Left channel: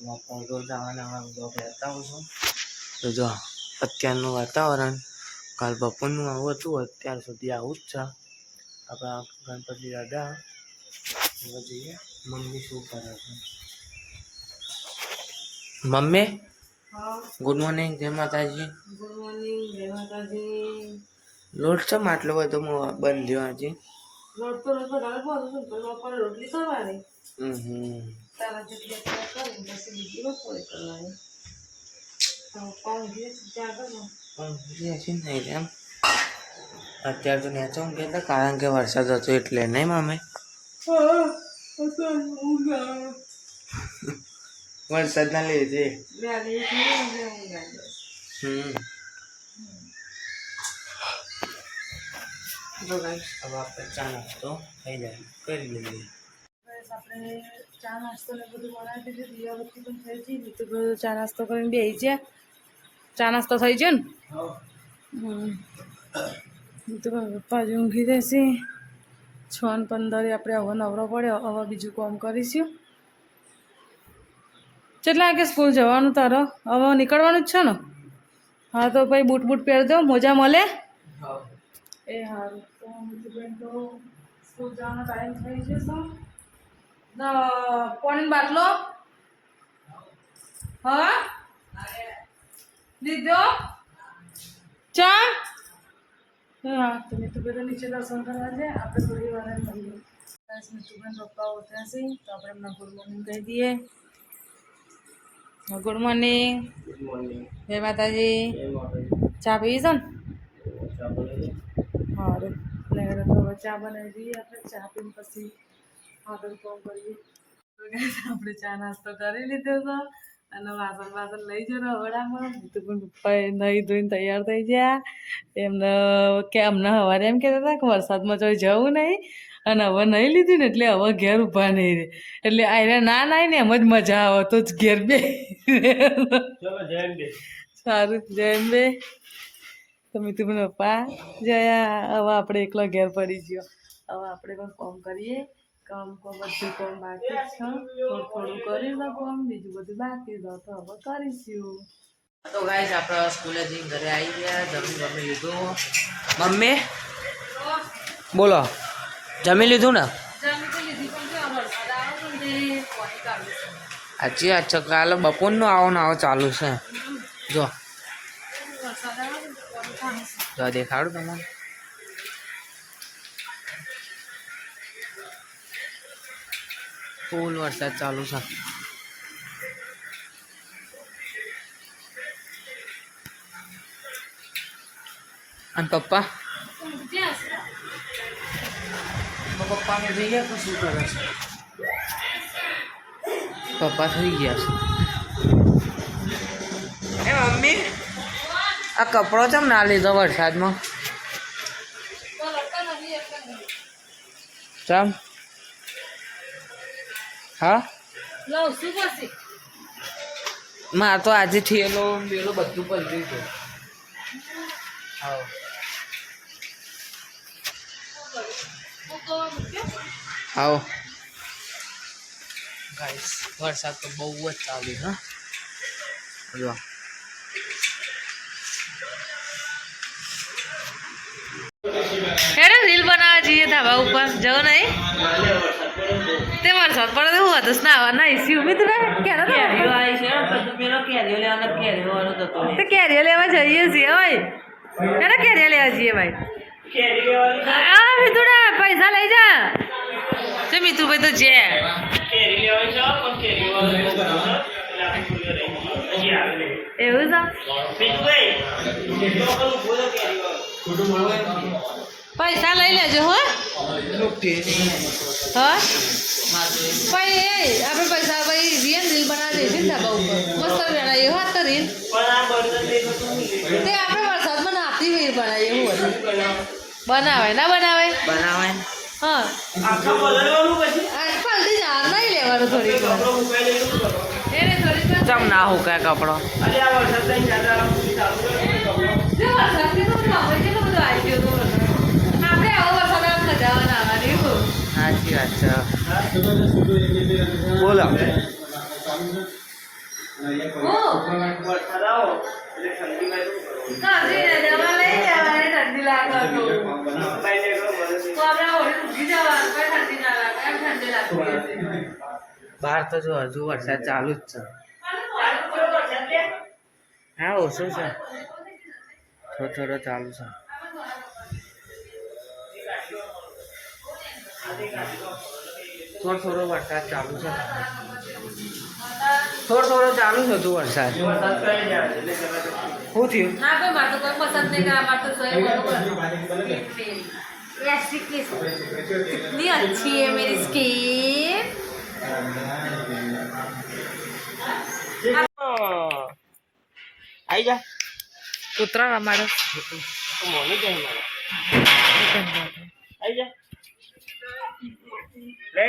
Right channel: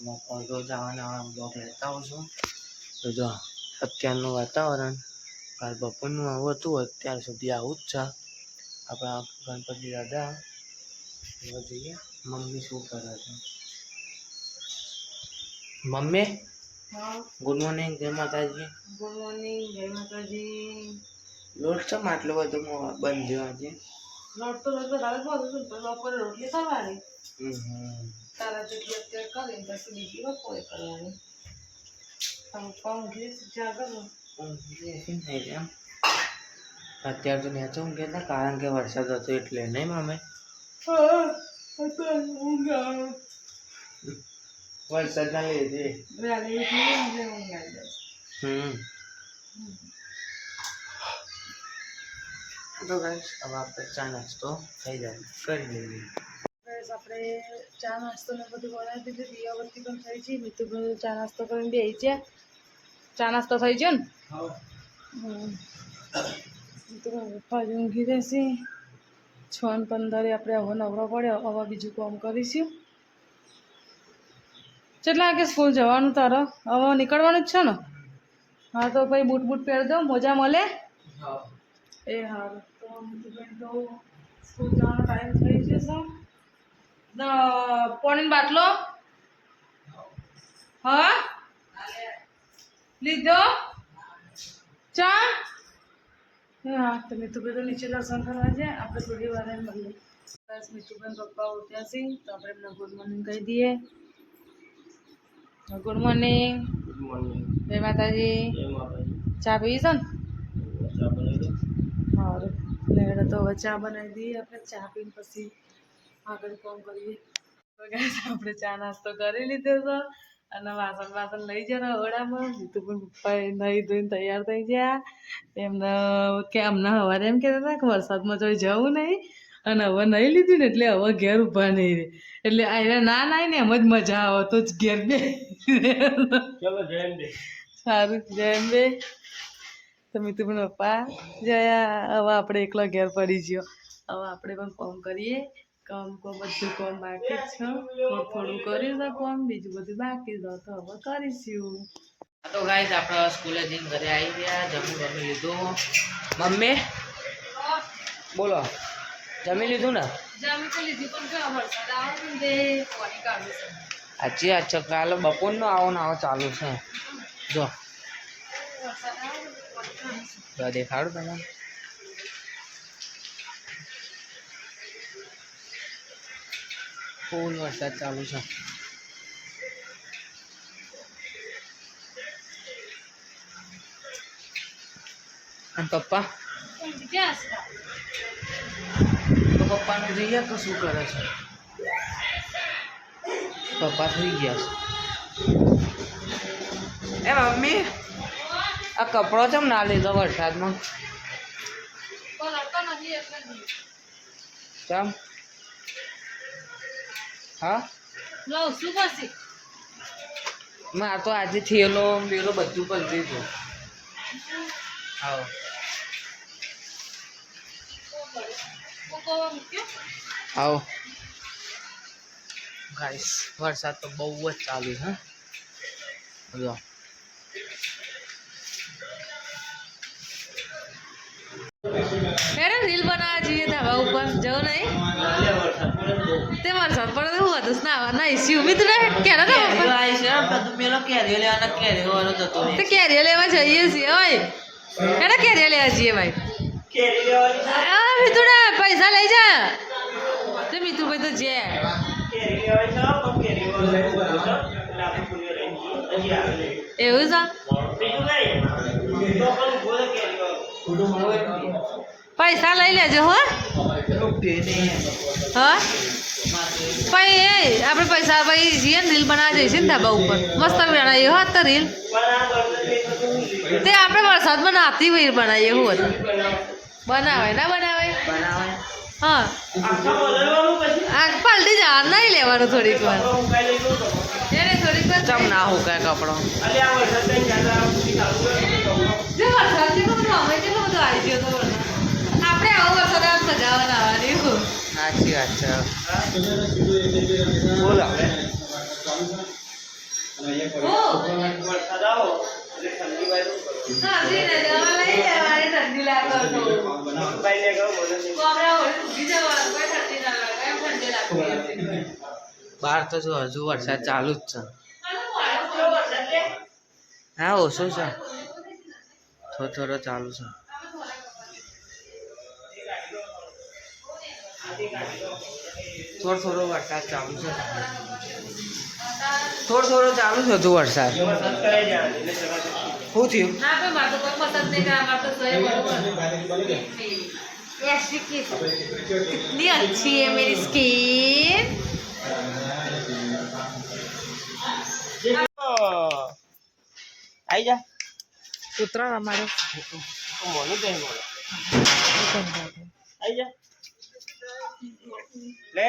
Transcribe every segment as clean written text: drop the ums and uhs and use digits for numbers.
રોજ આવવાના બ્લોગ લેતા હોઉં છું. તો જો અત્યારનું વાતાવરણ કાલ બપોરનું આવું હતું, અત્યાર સુધી આવું જ છે. આપણા ગણપતિ દાદા હવે જોઈએ મમ્મી શું કરે છે. મમ્મી ગુડ મોર્નિંગ, જય માતાજી. ગુડ મોર્નિંગ, જય માતાજી. લોટ છે માટલો બધો બંધ થયો આજે. લોટ તો રોજ વધારે બોલું છું, તો બપોરે રોટલી કરવાની. તારા જેટલી અત્યારે કરીને પછી બીજી બપોરે કરવાની. અત્યારે તો નેચો ઊંઘ્યા હતા કારણ કે વરસાદ હતો એટલે નહીં મામે. વરસાદના લીધે તો ગાઈસ હવે આપણે ચા નાસ્તો થઈ જાય કરી લઈએ. આપણે ચા નાસ્તો ને બધું બનાવી દીધું, દિયાબત્તી પણ થઈ છે. બીજું બધું ચા નાસ્તો કરીને બેસી છે. ચા નાસ્તો થઈ છે ને? બીજું પપ્પા જ ઊંઘી રહેશે. 6:15 આપણે હવે નવરો પડ્યો, હવે બીજું કામ કરીશું. કેટલા વાગે સ્કૂલ જવાનું તારો? હવે નીકળવાનું જ છે ને? હા તો ભાઈ બૂટ બૂટ પહેરી દો, મોજા મળે. એ સારું. તો મિતુબેન તો સ્કૂલ જવાનો ટાઈમ થઈ જશે. પાણીનો બાટલો હા લીધો ચા. હા તો મિતુબેન તો નીચે દર્શન કરવા છે. આપણે થોડી વાર મળીએ. બસ મિતુબેન પપ્પા ઉઠ્યા છે તો આપણે એમને ગુડ મોર્નિંગ કહી દઈએ. Good morning. Good morning. જય માતાજી. જય માતાજી. ચા પીવી છે ને? ચા બનાવી દો. સારું લેડો તો હવે ચા બનાવી દઈએ. આપણે ચા પીને પછી આગળ કામ કરીએ. તો ગાઈસ આપણે ચા નાસ્તો કરી લીધો છે અને વાસણ લઈ જરા હવડામાં. બીજું પણ પપ્પાએ નહીં ધોઈને તૈયાર થઈ ગયા. એમને સવારે એમ કહેતા હતા કે વરસાદમાં જોઈ જવું નહીં અને હવે નહીં લીધું ને એટલે હવે ઘેર ઊભા નહીં રહે. એટલે આને ના નાય ને એમ જ મજા આવે તો જ ઘેર બે. સારું જય બે. તો મિતુબેન પપ્પા જયા. હવે આપણે એકલો ઘેર પડી ગયો. હવે આપણે પણ કામ કરીએ. કામ બધું કામ બાકી જ છે. થોડું કરીશું કામ, બીજું બધું બાકી જ તો હવે કરીશું. તો ગાઈસ આપણે સ્કૂલે જઈને ઘરે આવી ગયા. જમી લીધું. મમ્મી બોલો જમી લીધું ને? સાચી વાત છે. કાલે બપોરનું આવો ચાલુ છે. જો દેખાડું તમારે. ફૂલ વરસાદ ચાલુ છે. અને પપ્પાને જોઈએ તો શું કરે છે? પપ્પા થઈ ગયા છે. એ મમ્મી આ કપડો ચમ ના લીધો વરસાદમાં? ચમ? હા મારે તો આજે થેલો બેલો બધું પલટી ગયું. હા આવો ગાઈસ વરસાદ તો બહુ જ ચાલુ છે. જો રીલ બનાવવા જઈએ ધાબા ઉપર જવું નહીં? તે વરસાદ પડે તો હું હતું નાવા ના ઇસ્યુ મિત્ર કેનો તો કેરીઓ લેવા જઈએ છીએ. ઓય કેરીઓ લેવા જઈએ ભાઈ. મિતુડા પૈસા લઈ જા. મિતુભાઈ તો જે એવું છે. પૈસા લઈ લેજો હો. હા ભાઈ આપણે પૈસા ભાઈ જઈએ ને રીલ બનાવવા જઈશું ને ધાબા ઉપર મસ્ત બનાવીએ હો તો રીલ. તે આપણે વરસાદમાં નાતી હોય બનાવીએ એવું હતું. બનાવાય ના બનાવાય? હા પલટી જવા નહીં લેવાનું થોડીક વાર. ચમ ના હોકાય કપડો. સાચી વાત છે. બોલો ઠંડી લાગે બહાર તો જો હજુ વરસાદ ચાલુ જ છે. હા ઓછો છે, થોડો થોડો ચાલુ છે. થોડો થોડો વરસાદ ચાલુ છે, થોડો થોડો ચાલુ છે હજુ વરસાદ. શું થયું? ના ભાઈ મારે તો કોઈ પસંદ નહીં કરે, મારે તો સોય બરોબર. कितनी अच्छी है मेरी स्किन. आई जा કૂતરા રમાડે મોની જાય મારો. आई जा ले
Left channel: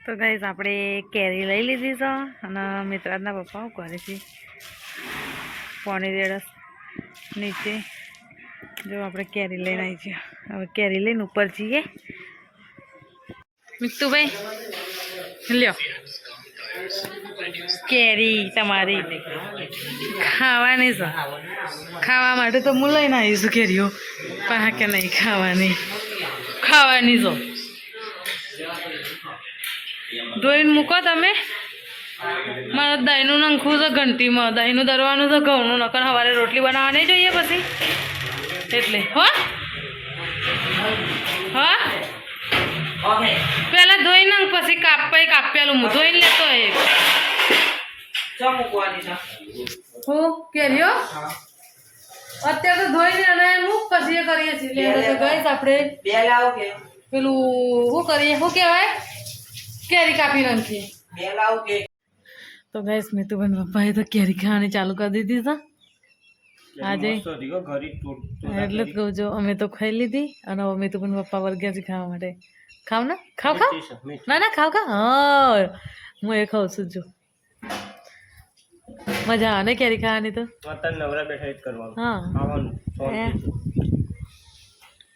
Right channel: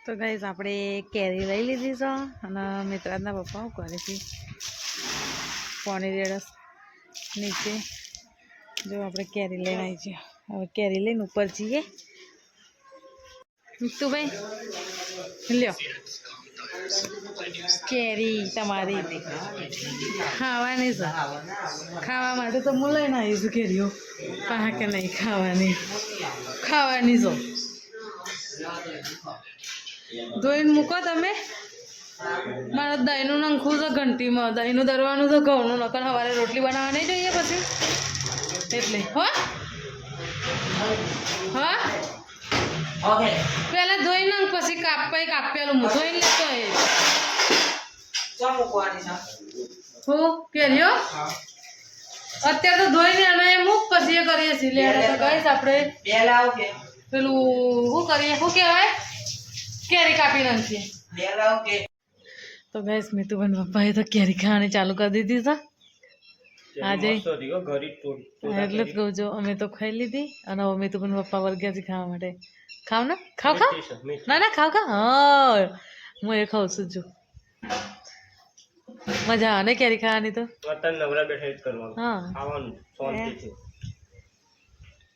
તો ગાઈઝ આપણે કેરી લઈ લીધી છે અને મિત્રાજના પપ્પા શું કરે છે પાણી રેડસ નીચે. જો આપણે કેરી લઈને આવી છીએ, હવે કેરી લઈને ઉપર જઈએ. મિત્તુભાઈ લ્યો કેરી તમારી ખાવાની છે. ખાવા માટે તો હું લઈને આવીશું કેરીઓ, પણ કે નહીં ખાવાની છે. ધોઈને મૂકો તમે. મારે દહીંનું નંખવું છે ઘંટીમાં, દહીંનું દરવાનું છે ઘઉંનું, નકર સવારે રોટલી બનાવવા નહીં જોઈએ પછી એટલે. હા પેલા ધોઈ નાખ પછી કાપેલું હું ધોઈને લેતો હું કેરીઓ અત્યારે તો ધોઈને અને મૂક પછી એ કરીએ છીએ. તો ગઈશ આપણે પેલું શું કરીએ, શું કહેવાય, કેરી કાપી નાખીએ. તો ગઈશ મિતુબેન પપ્પાએ તો કેરી ખાવાની ચાલુ કરી દીધી છે આજે. એટલે જ કહું છું, અમે તો ખાઈ લીધી અને હવે મિતુબેન પપ્પા વર્ગ્યા છે ખાવા માટે. ખાવ ને ખાવ ના ના ખાવ હા હું એ ખાઉં છું. જો મજા આવે ને કેરી ખાવાની તો. હા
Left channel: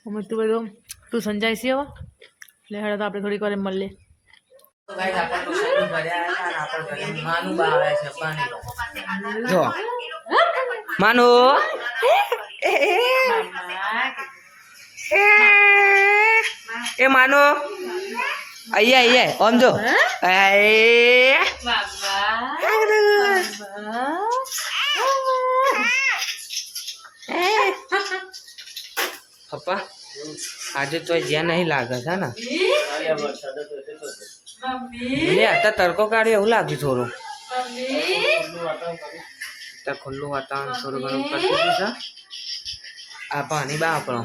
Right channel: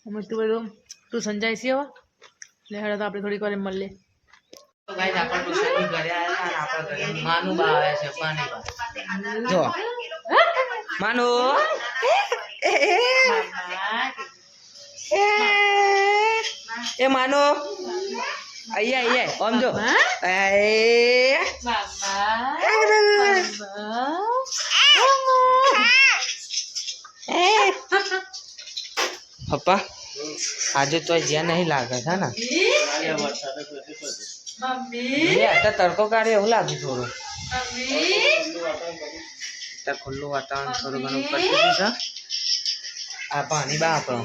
તું બધું તું સમજાય છે હવે એટલે હેડો તો આપણે થોડીક વાર મળીએ. તો ગાઈસ આપણે ટ્યુશન ઘરે આવ્યા અને આપણે ઘરે માનું બા આવ્યા છે. પાણી જો માનુ એ માનો અહીંયા આમ જો પપ્પા આજે તો જ્યાં નહીં લાગે છે ને અત્યારે તડકો કાઢ્યો એવું લાગ્યું થોડું. અત્યારે ખુલ્લું વાતાવરણ થોડું ઘણું કરી દીધું છે. આ પાણી બા આપણો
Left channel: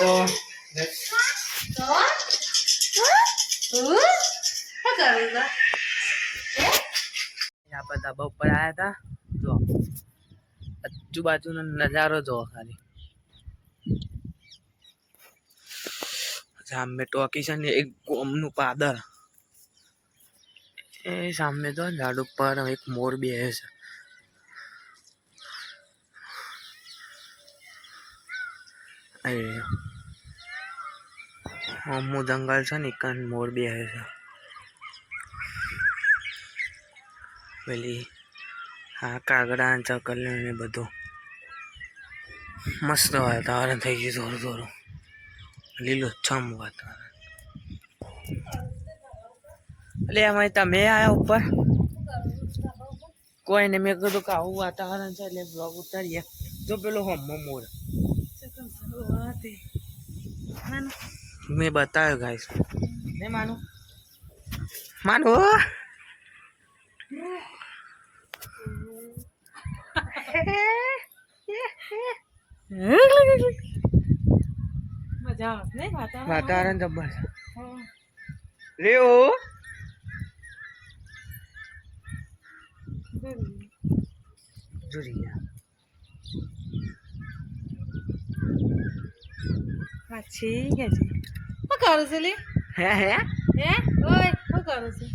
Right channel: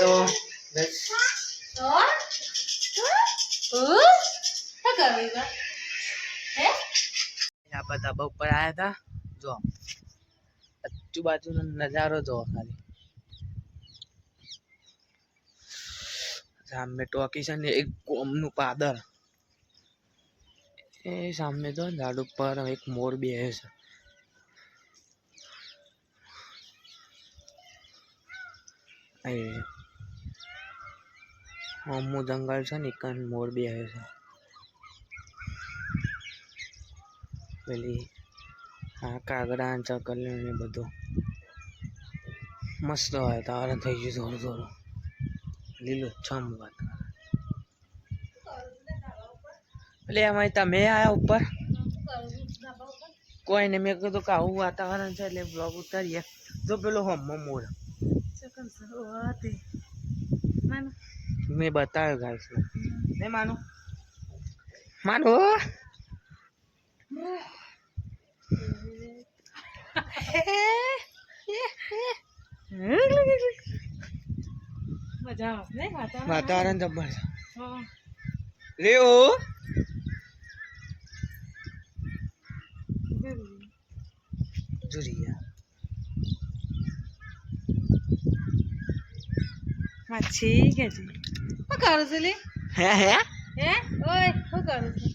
તો આપણે ધાબા ઉપર આવ્યા હતા. જો આજુબાજુનો નજારો જોવો ખાલી. સામે ટોકી છે ને એક ગોમનું પાદર, એ સામે તો ઝાડ ઉપર એક મોર બેસે છે. અમુક જંગલ છે ને કાન મોર બેસે છે. પેલી હા કાગડા ચકલીઓ ને બધું મસ્ત વાતાવરણ થઈ ગયું. થોડું થોડું લીલુંછમ વાતાવરણ. એટલે એમાં તમે આયા ઉપર કોઈ ને મેં કીધું કે આવું વાતાવરણ છે એટલે બ્લોગ ઉતારીએ. જો પેલો હમો મોર મેં બતાવ્યો ગાઈસ ને માનું મજા આવે ને વાતાવરણ જબર છે રે. ઓ જુરિયા માછી કે છે શું કરું છે લી હે ઓય શું કરું છે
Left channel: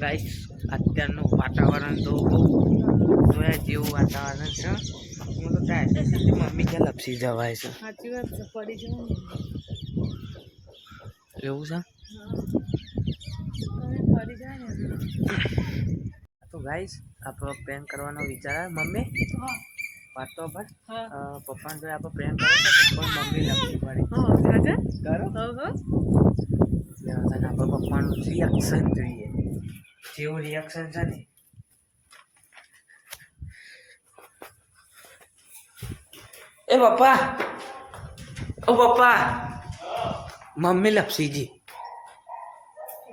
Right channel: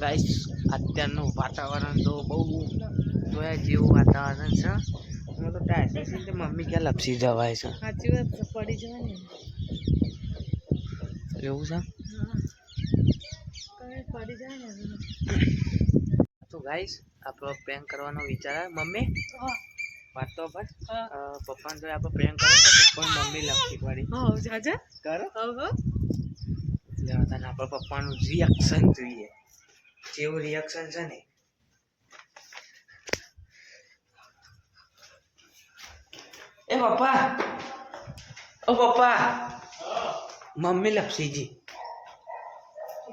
ગાઈસ અત્યારનું વાતાવરણ તો બહુ જોયા જેવું વાતાવરણ છે. હું તો ટાઈટ મમ્મી કે લપસી જવાય છે. સાચી વાત છે, પડી જવાય ને એવું છે. પડી જાય ને તો ગાઈસ આપણો પ્રેન્ક કરવાનો વિચાર આવે. મમ્મી વાત તો પર પપ્પાને તો આપણે પ્રેન્ક કરો છો પણ મમ્મી લપસી પડી. સાચા કરો આપણે પપ્પાનું રિએક્શન જોઈએ, જેવું રિએક્શન છે ને. એ પપ્પા, ઓ પપ્પા, મમ્મી લપસી ગઈ.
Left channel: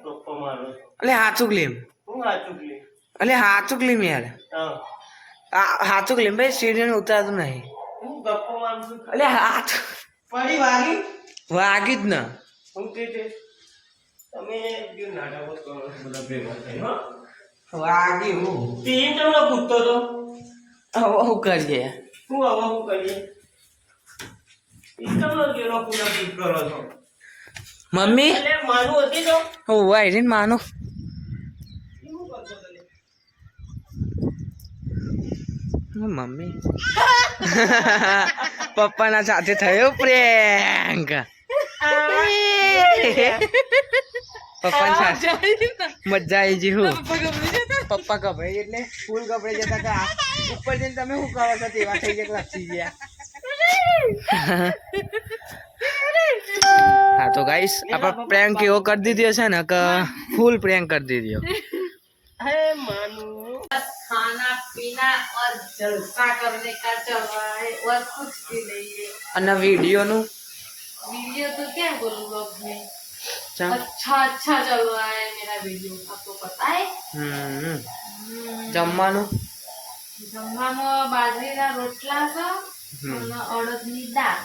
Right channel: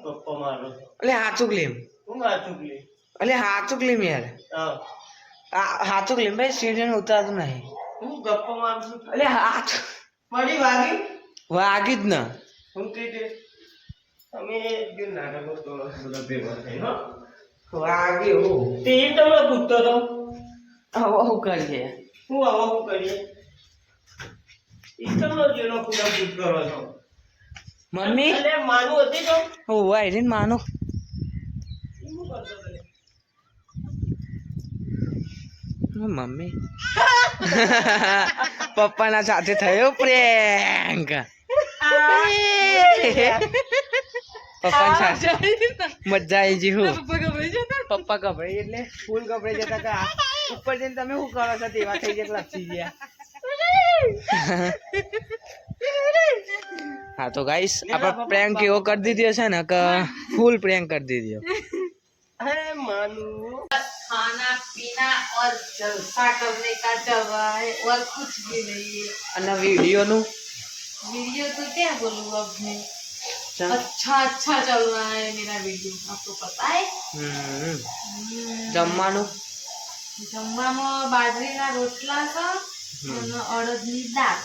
ગપ્પા મારો અલે હાચુક લીમ, હું વાંચું કે અલે હાચુક લીમ યાર, હાચુક લીમ ભાઈ. સીડીને ઉતારતું નહીં. હું ગપ્પા મારું અલે હાચ પડી વાગી વાગી જ ના. હું કીધે તમે જે નાટકો કરો બધા ભેગા થઈ હો વાગી હું તીન તમને પૂછતો તો હવે શું કરીએ. હું આવા હું કરીએ ઈ તમને જેનો પૂરા પૂછ કરો છો મમ્મી એટલે મારું હતી તો હું વાયરી ને માનો ઈ હું કરતો તને મમ્મી પપ્પાના સાથે થયો પ્રેન્ક. પપ્પા સાથે મજા આવી ગઈ. હું પપ્પા ગભરાઈ એટલે ફૂલ ગભરાઈ જતા કે ઉપર જઈને તમે શું કરો છો તેવા થઈ ગયા, લપસી ગયા. હા તો ગાઈસ આપણે પ્રેન્ક એવો કરી દીધો છે ને કે ફૂલ પ્રેન્ક કરી દીધો. હે માનू खाना पीना और जलसा करने का चल रहा है और कुछ भी नहीं है. અને વિડીયોનું वीडियो तो क्या बोलूँ अब मैं, अच्छा चल रहा है मेरा वीडियो, आपको पता है. જમવાનું જમવામાં બાજરીના રોટલા છે અને અડદની દાળ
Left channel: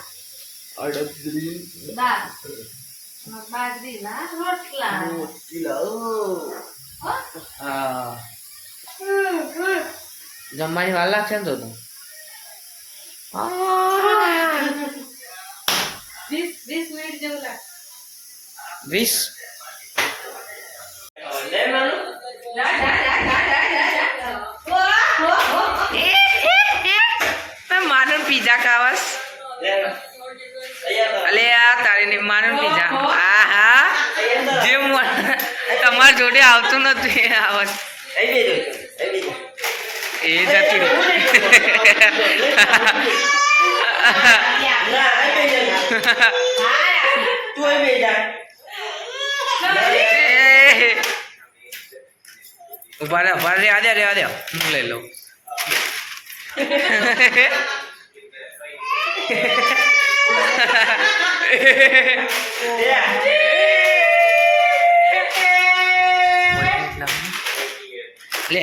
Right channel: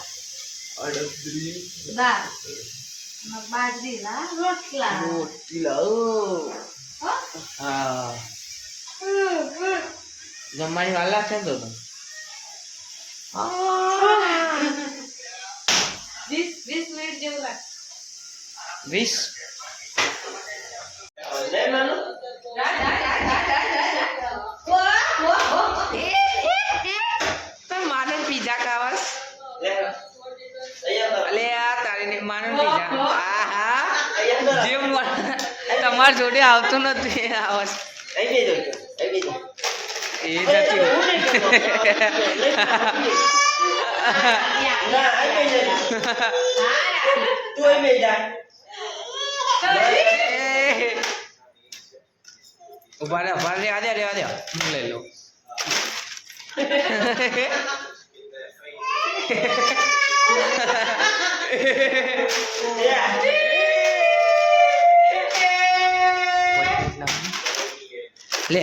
અને બાજરીના રોટલા. હા જમવાની વાર લાગશે ને તો 20 મિનિટ જેવું લાગે. 20 લે માનू માનું પીઝા ખાવાસ. લે અહીંયા અલે આ તારી માનું પીઝા. હા હા જે તમારા જોડે આવતું નથી આવત એ જતી ઉભા રે રેવા દે હું લઈ લઉં. લે